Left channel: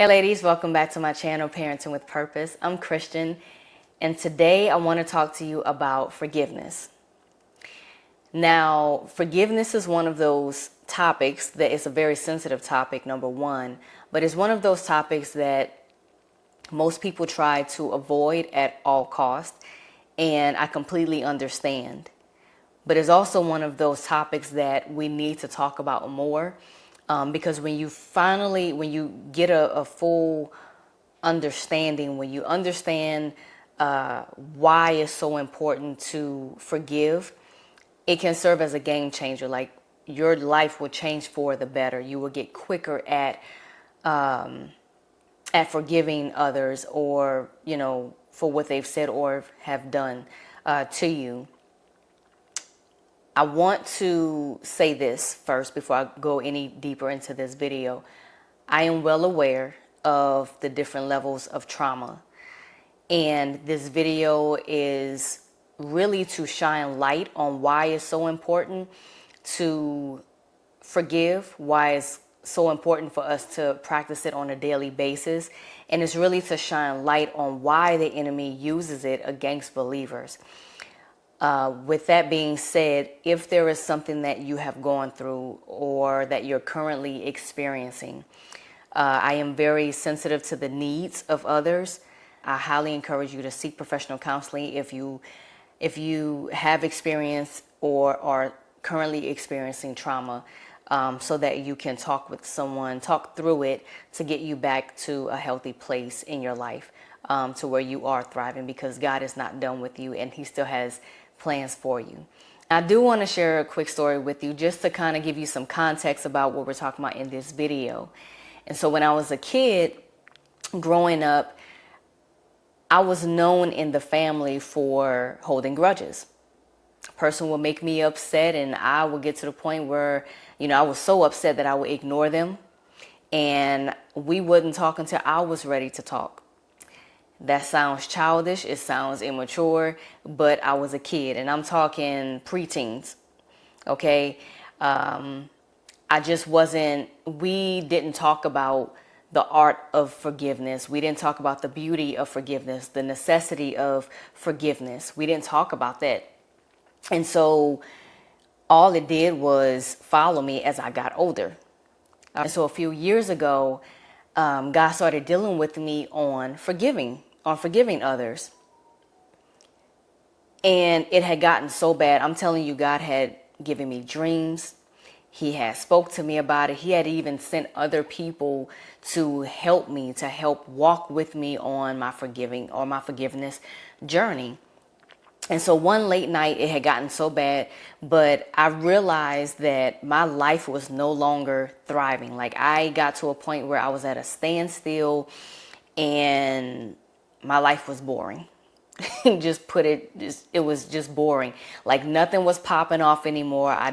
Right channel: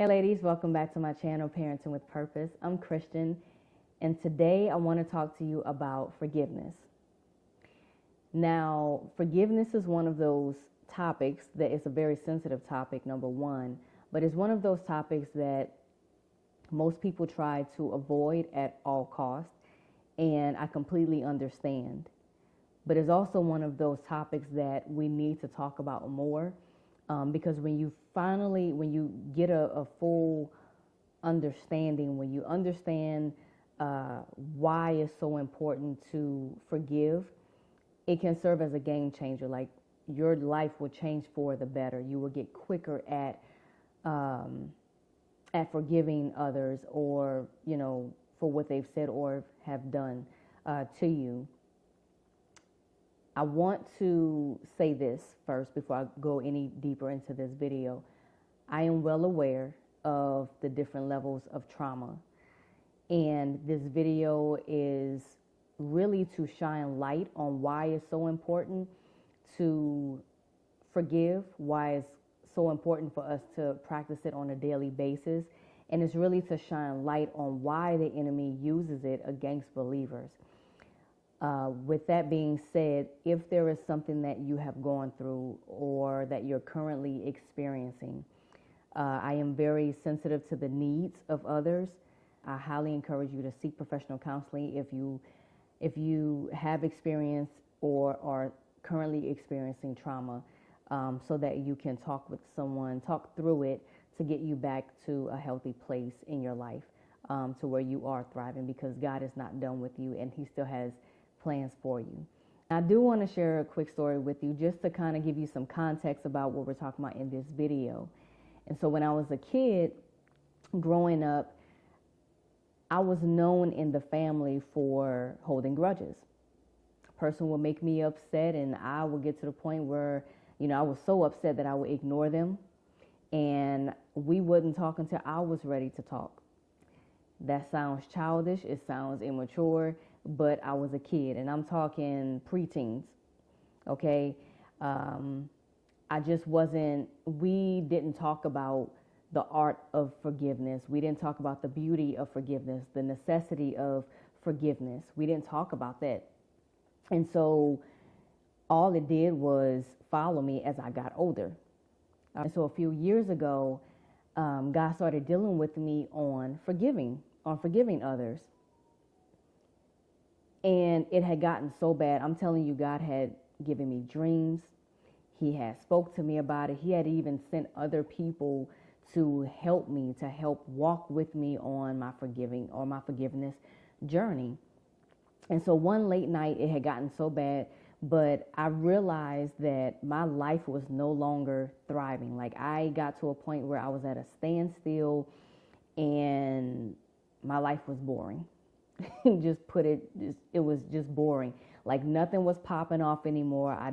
Hey ladies, welcome back to my channel, Parenting with Purpose. I'm Christian, and today I want to talk to you about forgiveness. Now, forgiveness is one of those topics that is a very sensitive topic, number one, but it's one of those topics that most people try to avoid at all costs, and I completely understand. But it's also one of those topics that we need to talk about more, because when you get a full understanding, when you understand why it's so important to forgive, it can serve as a game changer. Like, your life will change for the better. You will get quicker at forgiving others, or for what they've said or have done to you. I want to say this first before I go any deeper into this video. I am well aware of the different levels of trauma, and this video is really to shine light on why it's so important to forgive, why it's so important for us to practice it on a daily basis, and it's really to shine light on why the enemy uses it against believers. With that being said, if there is something that you have gone through or that you're currently experiencing, I am very sensitive to the needs of others. I highly encourage you to seek professional counseling if you have experienced or are currently experiencing trauma, so that you can talk with someone, talk through it to get you back to a healthy place in your life, to where you are thriving, because God is not done with you and He still has plans for you. I do want to share a quick story with you just to kind of give you some context about what we're talking about in this video. And so when I was a kid growing up, I was known in the family for holding grudges. A person would make me upset, and I would get to the point where, I was so upset that I would ignore them, and we wouldn't talk until I was ready to talk. That sounds childish, it sounds immature, but I was a kid, and I'm talking preteens, okay? We didn't talk about the art of forgiveness. We didn't talk about the beauty of forgiveness, the necessity of forgiveness. We didn't talk about that. And so all it did was follow me as I got older. And so a few years ago, God started dealing with me on forgiving others. And it had gotten so bad. I'm telling you, God had given me dreams. He had spoke to me about it. He had even sent other people to help me, to help walk with me on my forgiveness journey. And so one late night, it had gotten so bad, but I realized that my life was no longer thriving. Like, I got to a point where I was at a standstill and my life was boring. It was just boring. Like, nothing was popping off anymore. I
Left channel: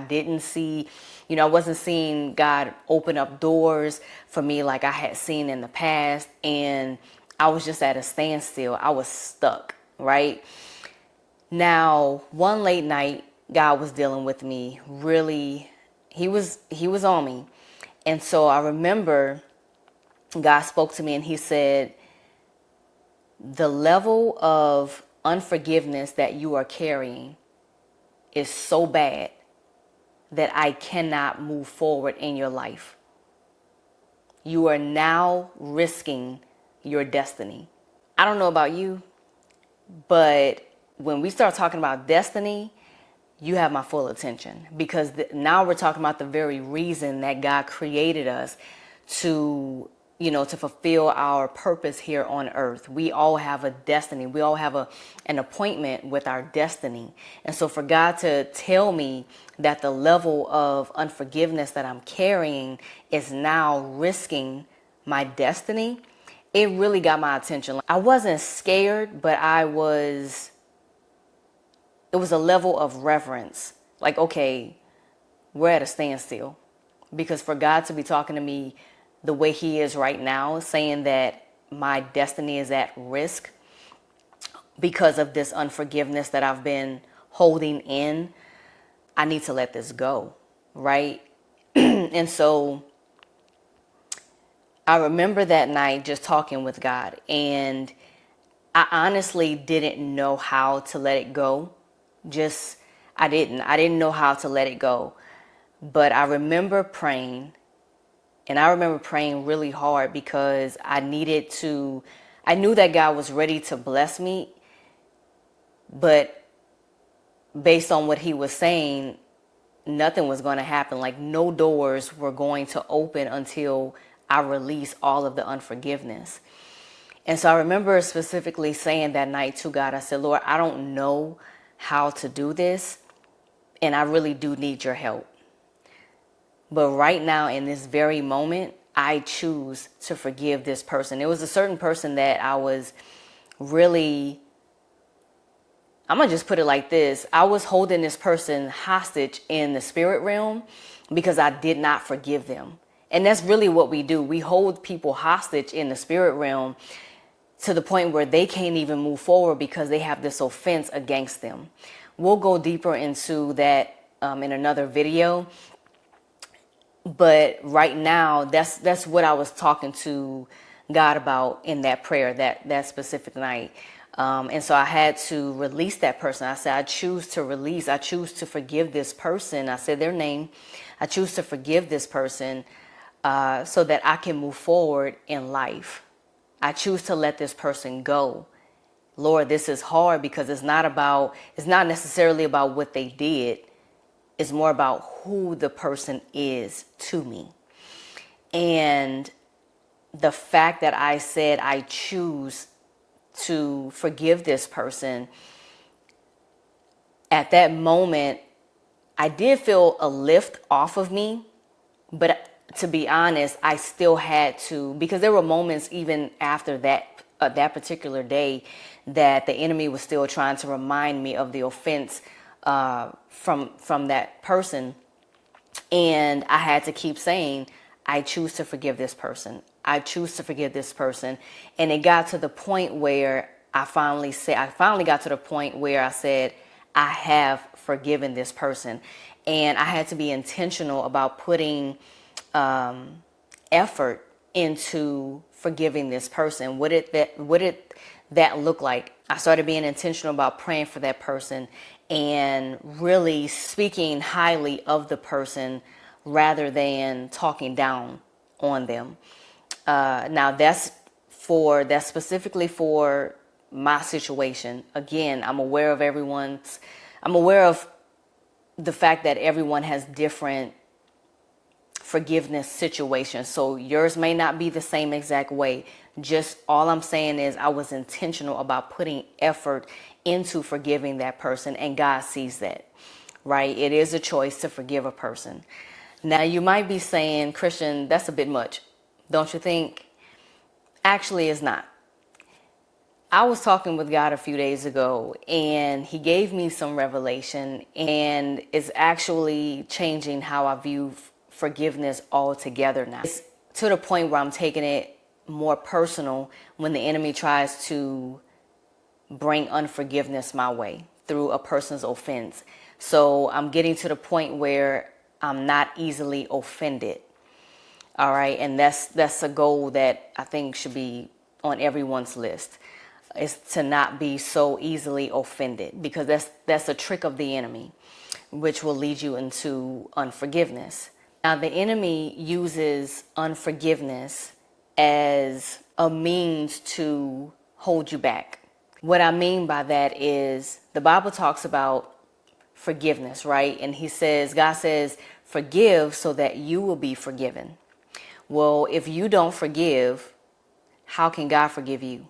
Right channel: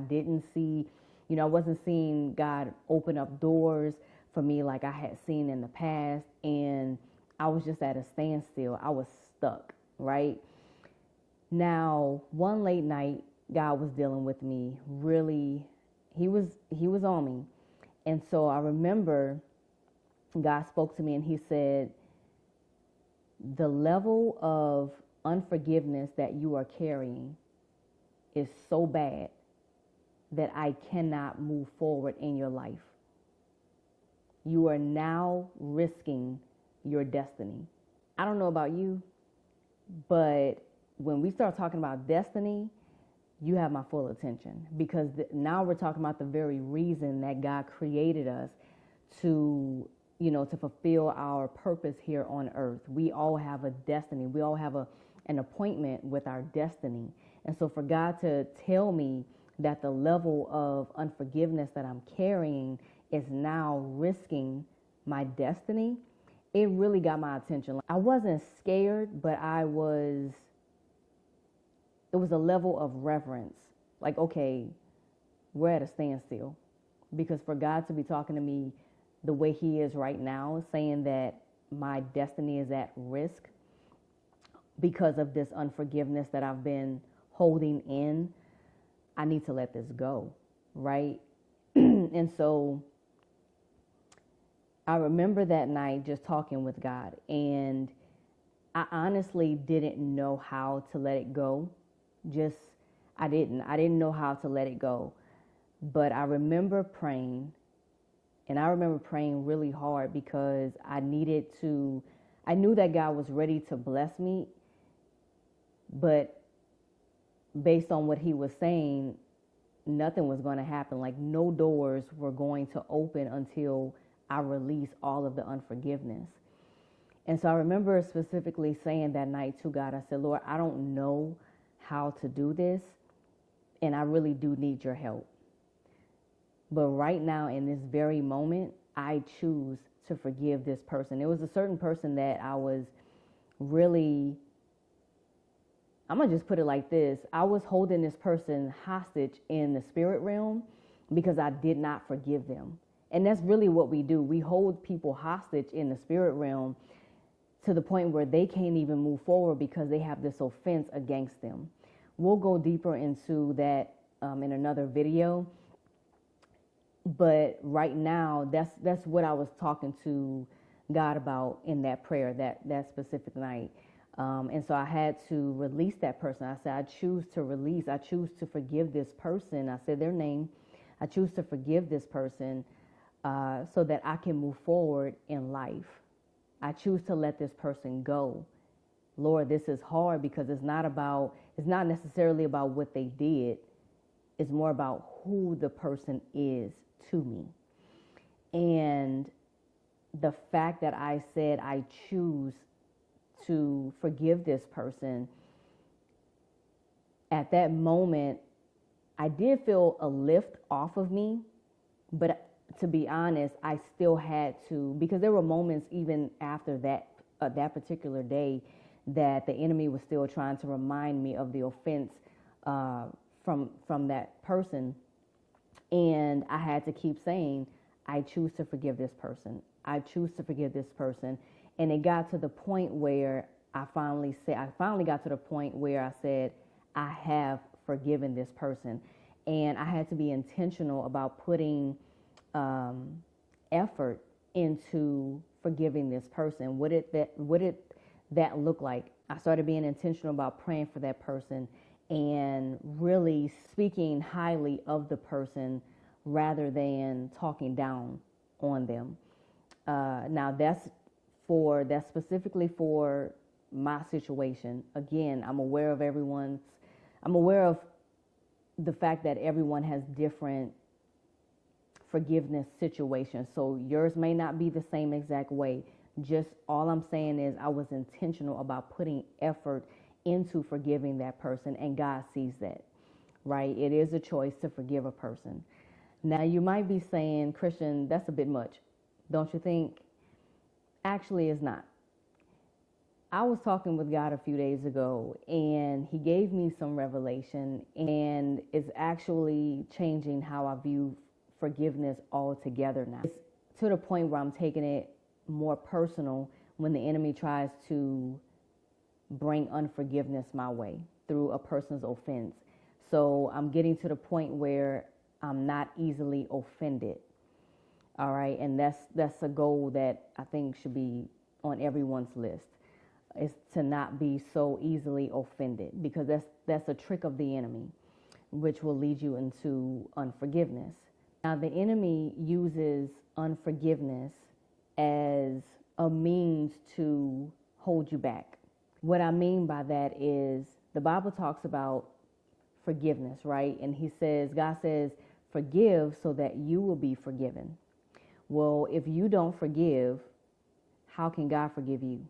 wasn't seeing God open up doors for me like I had seen in the past. And I was just at a standstill. I was stuck, right? Now, one late night, God was dealing with me really. He was on me. And so I remember God spoke to me and He said, the level of unforgiveness that you are carrying is so bad that I cannot move forward in your life. You are now risking your destiny. I don't know about you, but when we start talking about destiny, you have my full attention, because now we're talking about the very reason that God created us to fulfill our purpose here on earth. We all have a destiny. We all have an appointment with our destiny. And so for God to tell me that the level of unforgiveness that I'm carrying is now risking my destiny, it really got my attention. I wasn't scared, but it was a level of reverence. Like, okay, we're at a standstill. Because for God to be talking to me the way He is right now, saying that my destiny is at risk because of this unforgiveness that I've been holding in, I need to let this go, right? And so I remember that night just talking with God, and I honestly didn't know how to let it go. Just, I didn't know how to let it go. But I remember praying, and I remember praying really hard because I knew that God was ready to bless me, but based on what he was saying, nothing was going to happen. Like, no doors were going to open until I released all of the unforgiveness. And so I remember specifically saying that night to God, I said, Lord, I don't know how to do this, and I really do need your help. But right now, in this very moment, I choose to forgive this person. It was a certain person that I was really, I'm going to just put it like this. I was holding this person hostage in the spirit realm because I did not forgive them. And that's really what we do. We hold people hostage in the spirit realm to the point where they can't even move forward because they have this offense against them. We'll go deeper into that in another video. But right now, that's what I was talking to God about in that prayer that specific night. And so I had to release that person. I said, I choose to forgive this person. I said their name. I choose to forgive this person so that I can move forward in life. I choose to let this person go. Lord, this is hard because it's not necessarily about what they did. It's more about who the person is to me. And the fact that I said I choose to forgive this person, at that moment, I did feel a lift off of me. But to be honest, I still had to, because there were moments even after that particular day that the enemy was still trying to remind me of the offense from that person. And I had to keep saying, I choose to forgive this person. I choose to forgive this person. And it got to the point where I finally got to the point where I said, I have forgiven this person. And I had to be intentional about putting effort into forgiving this person. What did that look like? I started being intentional about praying for that person and really speaking highly of the person rather than talking down on them. Now that's specifically for my situation. Again, I'm aware of the fact that everyone has different forgiveness situations. So yours may not be the same exact way. Just all I'm saying is I was intentional about putting effort into forgiving that person, and God sees that, right? It is a choice to forgive a person. Now you might be saying, Christian, that's a bit much, don't you think? Actually, it's not. I was talking with God a few days ago, and he gave me some revelation, and it's actually changing how I view forgiveness altogether now. It's to the point where I'm taking it more personal when the enemy tries to bring unforgiveness my way through a person's offense. So I'm getting to the point where I'm not easily offended. All right. And that's a goal that I think should be on everyone's list, is to not be so easily offended, because that's a trick of the enemy, which will lead you into unforgiveness. Now, the enemy uses unforgiveness as a means to hold you back. What I mean by that is the Bible talks about forgiveness, right? And God says, forgive so that you will be forgiven. Well, if you don't forgive, how can God forgive you?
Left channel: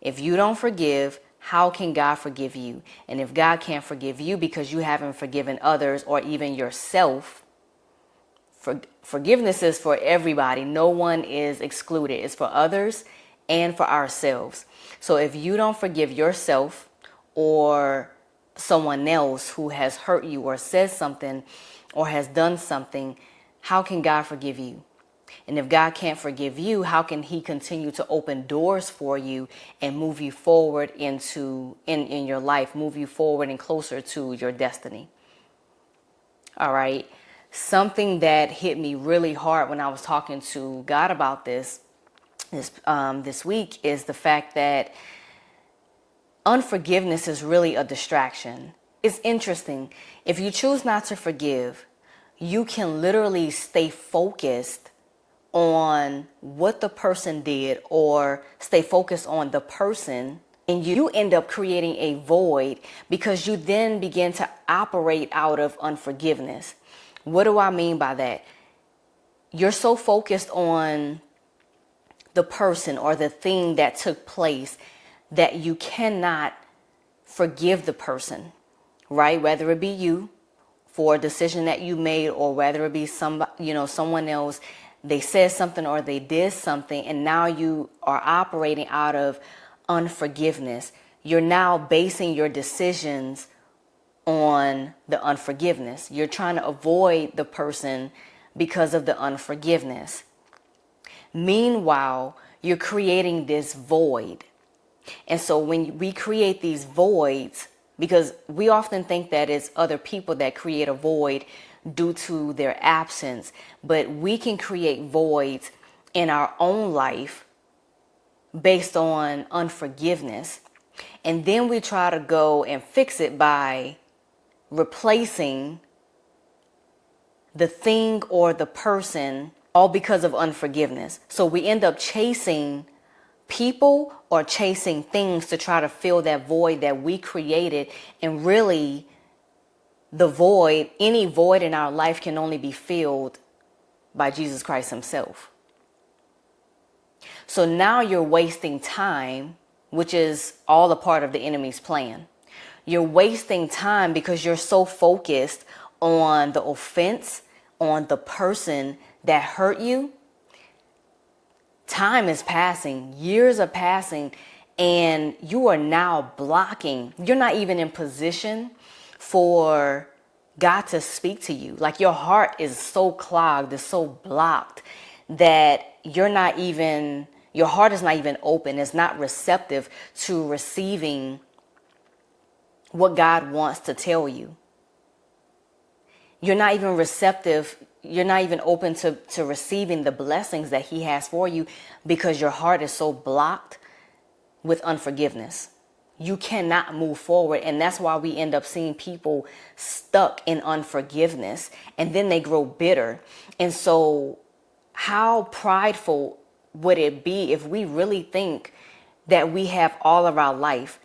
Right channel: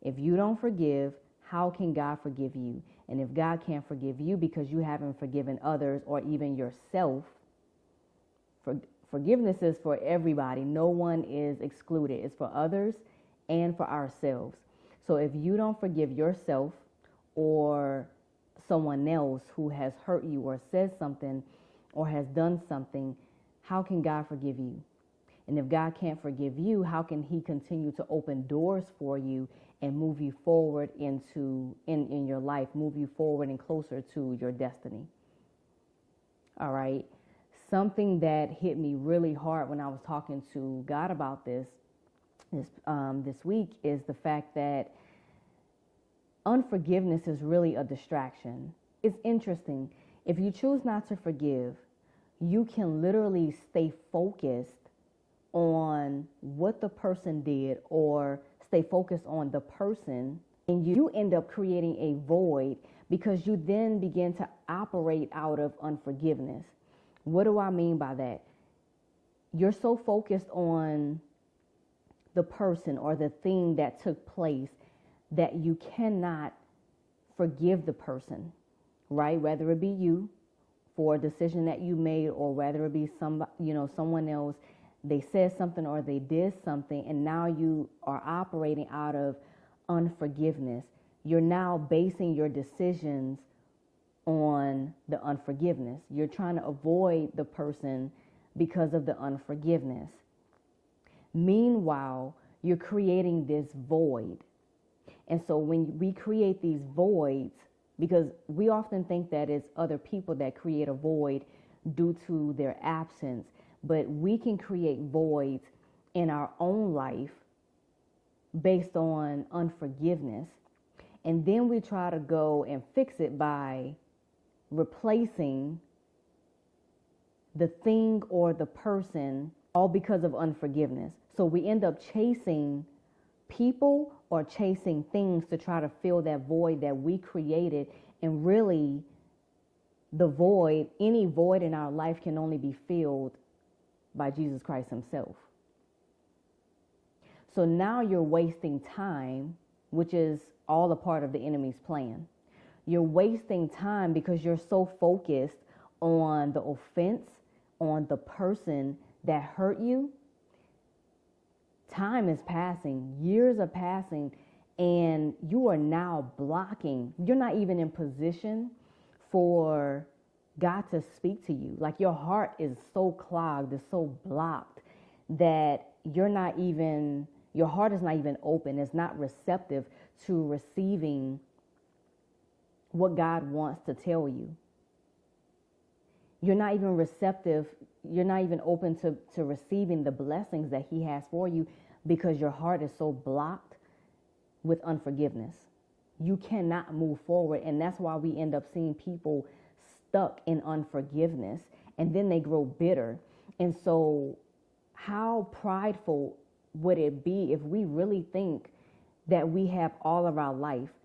If you don't forgive, how can God forgive you? And if God can't forgive you because you haven't forgiven others or even yourself, forgiveness is for everybody. No one is excluded. It's for others and for ourselves. So if you don't forgive yourself or someone else who has hurt you or said something or has done something, how can God forgive you? And if God can't forgive you, how can he continue to open doors for you and move you forward in your life, move you forward and closer to your destiny? All right. something that hit me really hard when I was talking to God about this week is the fact that unforgiveness is really a distraction. It's interesting. If you choose not to forgive, you can literally stay focused on what the person did or stay focused on the person, and you end up creating a void because you then begin to operate out of unforgiveness. What do I mean by that? You're so focused on the person or the thing that took place that you cannot forgive the person, right? Whether it be you for a decision that you made, or whether it be someone else, they said something or they did something, and now you are operating out of unforgiveness. You're now basing your decisions on the unforgiveness. You're trying to avoid the person because of the unforgiveness. Meanwhile, you're creating this void. And so when we create these voids, because we often think that it's other people that create a void due to their absence, but we can create voids in our own life based on unforgiveness. And then we try to go and fix it by replacing the thing or the person, all because of unforgiveness. So we end up chasing people or chasing things to try to fill that void that we created. And really, the void, any void in our life, can only be filled by Jesus Christ himself. So now you're wasting time, which is all a part of the enemy's plan. You're wasting time because you're so focused on the offense, on the person that hurt you. Time is passing, years are passing, and you are now blocking. You're not even in position for God to speak to you. Like, your heart is so clogged, it's so blocked that your heart is not even open. It's not receptive to receiving what God wants to tell you. You're not even receptive. You're not even open to receiving the blessings that he has for you because your heart is so blocked with unforgiveness. You cannot move forward. And that's why we end up seeing people stuck in unforgiveness, and then they grow bitter. And so how prideful would it be if we really think that we have all of our life?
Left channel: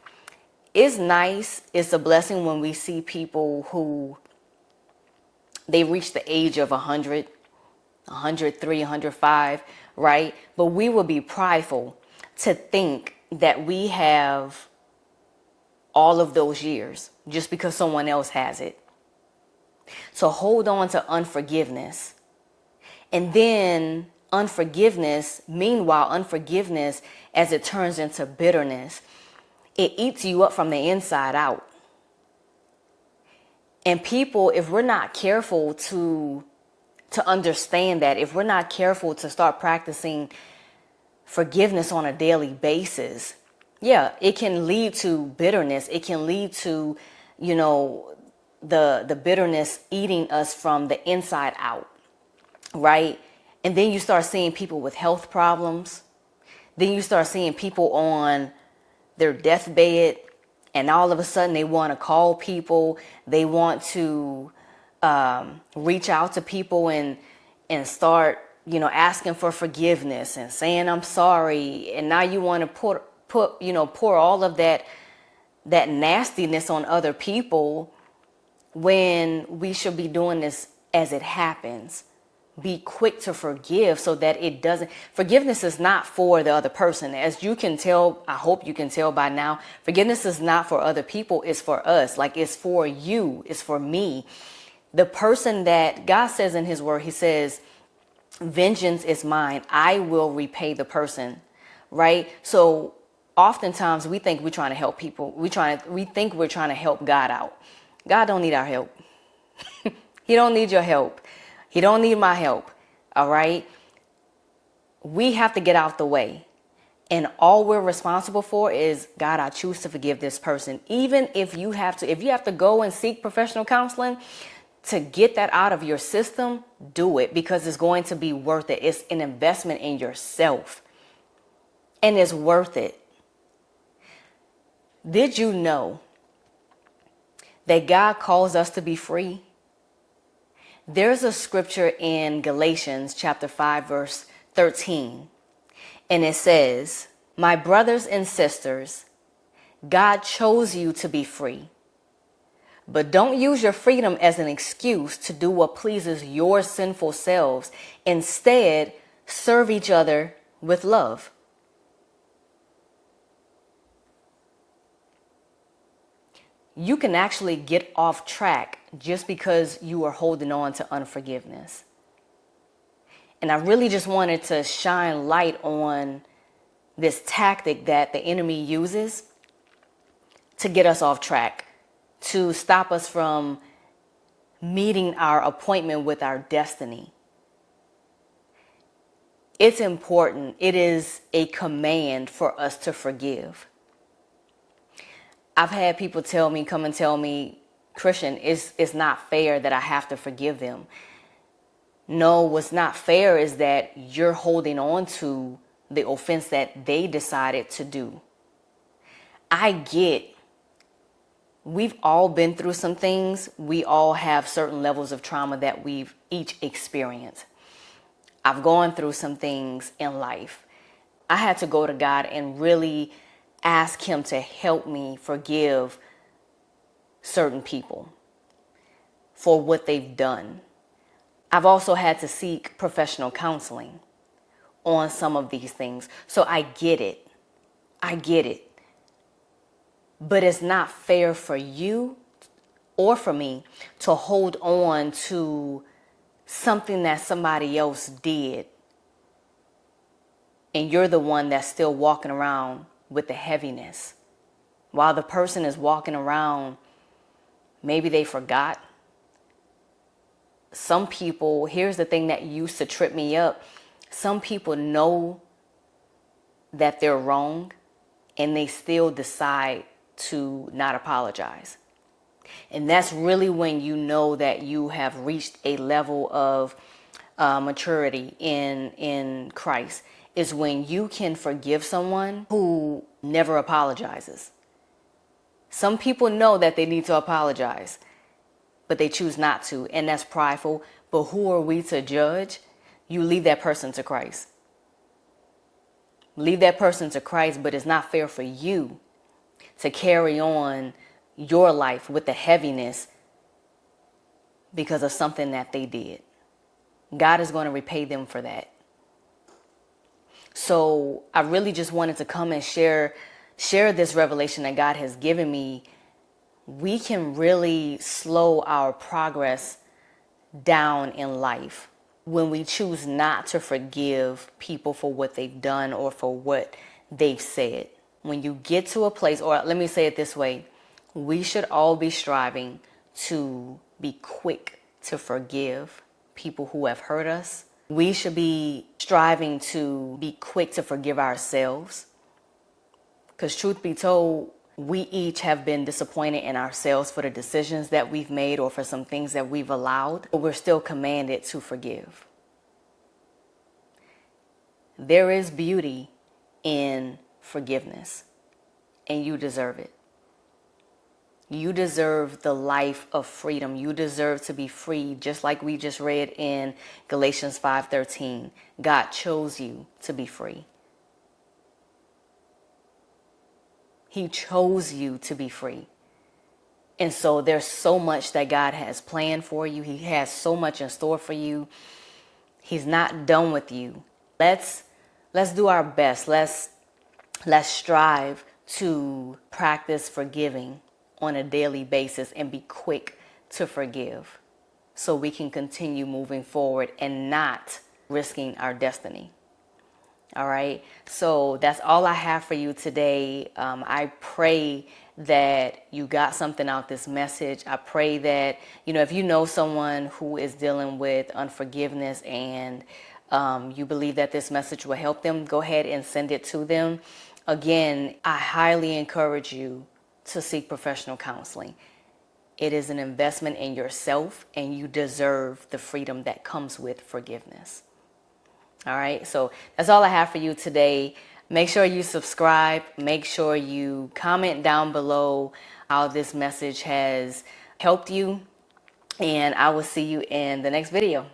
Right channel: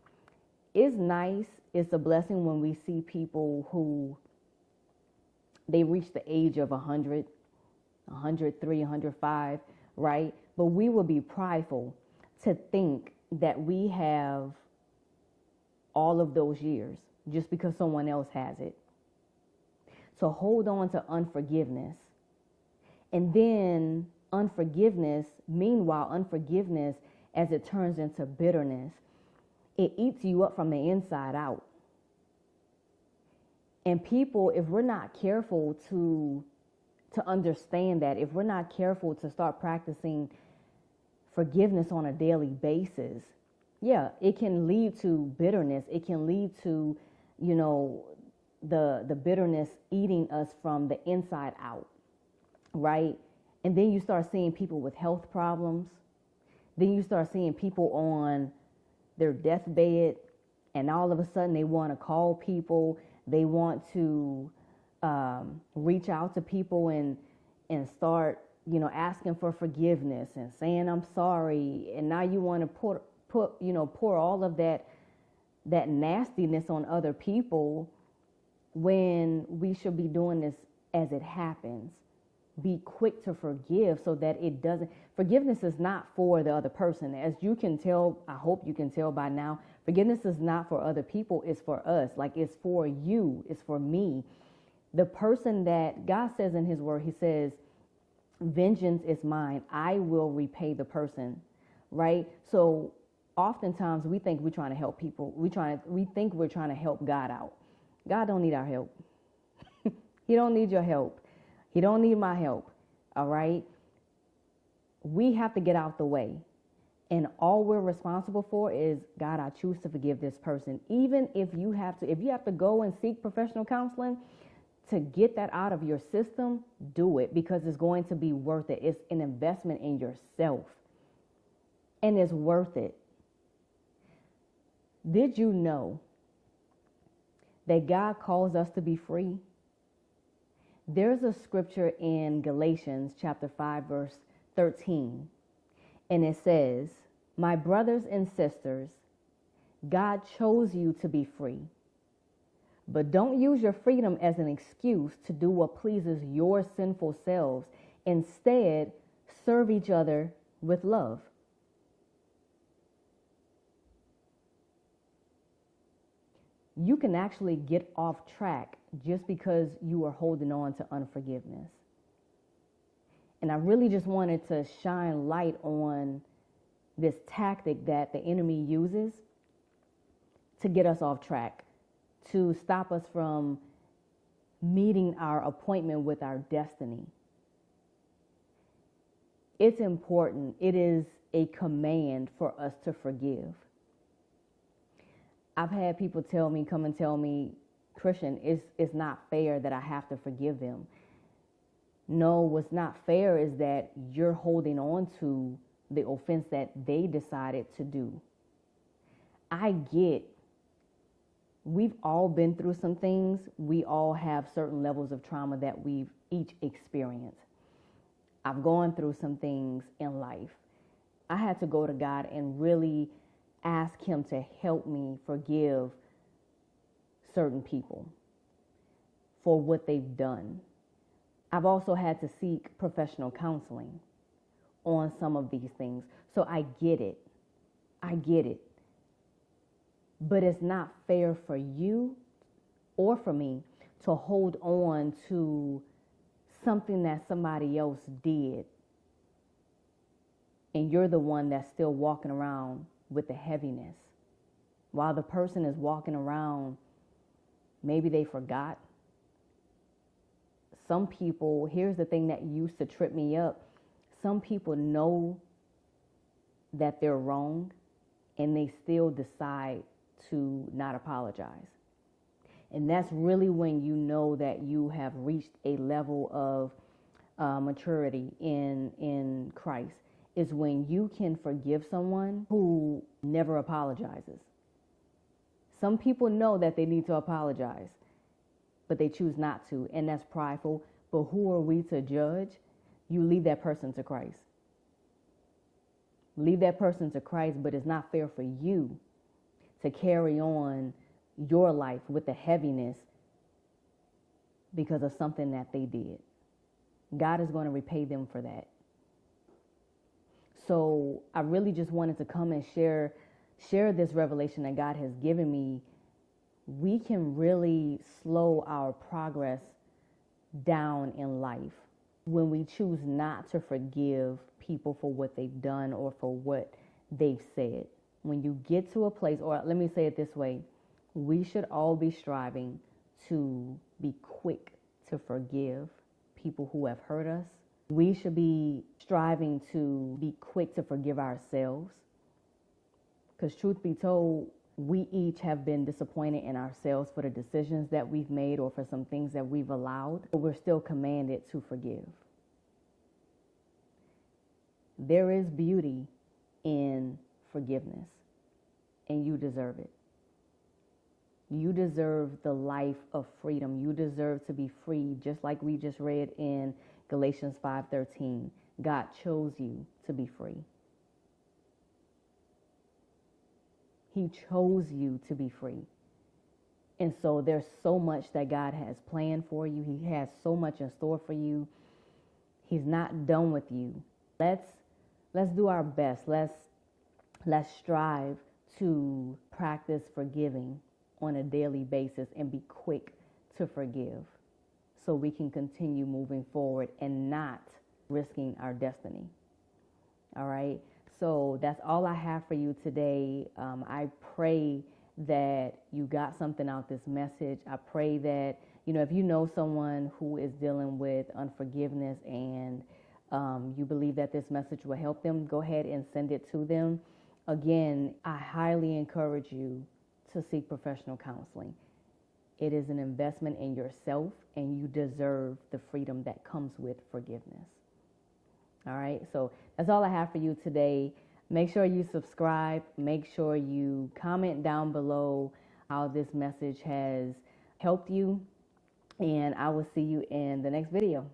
It's nice. It's a blessing when we see people who they reach the age of 100, 103, 105, right? But we will be prideful to think that we have all of those years just because someone else has it. So hold on to unforgiveness. And then meanwhile, unforgiveness, as it turns into bitterness, it eats you up from the inside out. And people, if we're not careful to understand that, if we're not careful to start practicing forgiveness on a daily basis, yeah, it can lead to bitterness. It can lead to, the bitterness eating us from the inside out, right? And then you start seeing people with health problems. Then you start seeing people on their deathbed, and all of a sudden they want to call people. They want to reach out to people and start, asking for forgiveness and saying, I'm sorry. And now you want to pour all of that nastiness on other people when we should be doing this as it happens. Be quick to forgive so that it doesn't. Forgiveness is not for the other person. As you can tell, I hope you can tell by now, forgiveness is not for other people. It's for us. Like, it's for you. It's for me. The person that God says in his word, he says, vengeance is mine. I will repay the person. Right? So oftentimes we think we're trying to help people. We think we're trying to help God out. God don't need our help. He don't need your help. He don't need my help. All right. We have to get out the way. And all we're responsible for is, God, I choose to forgive this person. Even if you have to go and seek professional counseling, to get that out of your system, do it, because it's going to be worth it. It's an investment in yourself, and it's worth it. Did you know that God calls us to be free? There's a scripture in Galatians chapter 5, verse 13, and it says, "My brothers and sisters, God chose you to be free. But don't use your freedom as an excuse to do what pleases your sinful selves. Instead, serve each other with love." You can actually get off track just because you are holding on to unforgiveness. And I really just wanted to shine light on this tactic that the enemy uses to get us off track, to stop us from meeting our appointment with our destiny. It's important. It is a command for us to forgive. I've had people come and tell me, "Christian, it's not fair that I have to forgive them." No, what's not fair is that you're holding on to the offense that they decided to do. We've all been through some things. We all have certain levels of trauma that we've each experienced. I've gone through some things in life. I had to go to God and really ask Him to help me forgive certain people for what they've done. I've also had to seek professional counseling on some of these things. So I get it. But it's not fair for you or for me to hold on to something that somebody else did, and you're the one that's still walking around with the heaviness, while the person is walking around, maybe they forgot. Some people, here's the thing that used to trip me up. Some people know that they're wrong, and they still decide to not apologize. And that's really when you know that you have reached a level of maturity in Christ, is when you can forgive someone who never apologizes. Some people know that they need to apologize, but they choose not to, and that's prideful. But who are we to judge? You leave that person to Christ. Leave that person to Christ, but it's not fair for you to carry on your life with the heaviness because of something that they did. God is going to repay them for that. So I really just wanted to come and share this revelation that God has given me. We can really slow our progress down in life when we choose not to forgive people for what they've done or for what they've said. When you get to a place, or let me say it this way, we should all be striving to be quick to forgive people who have hurt us. We should be striving to be quick to forgive ourselves. Because truth be told, we each have been disappointed in ourselves for the decisions that we've made or for some things that we've allowed, but we're still commanded to forgive. There is beauty in forgiveness, and you deserve it. You deserve the life of freedom. You deserve to be free, just like we just read in Galatians 5:13. God chose you to be free. He chose you to be free. And so there's so much that God has planned for you. He has so much in store for you. He's not done with you. Let's do our best. Let's strive to practice forgiving on a daily basis and be quick to forgive so we can continue moving forward and not risking our destiny. All right. So that's all I have for you today. I pray that you got something out this message. I pray that, if you know someone who is dealing with unforgiveness and you believe that this message will help them, go ahead and send it to them. Again, I highly encourage you to seek professional counseling. It is an investment in yourself, and you deserve the freedom that comes with forgiveness. All right, so that's all I have for you today. Make sure you subscribe. Make sure you comment down below how this message has helped you. And I will see you in the next video.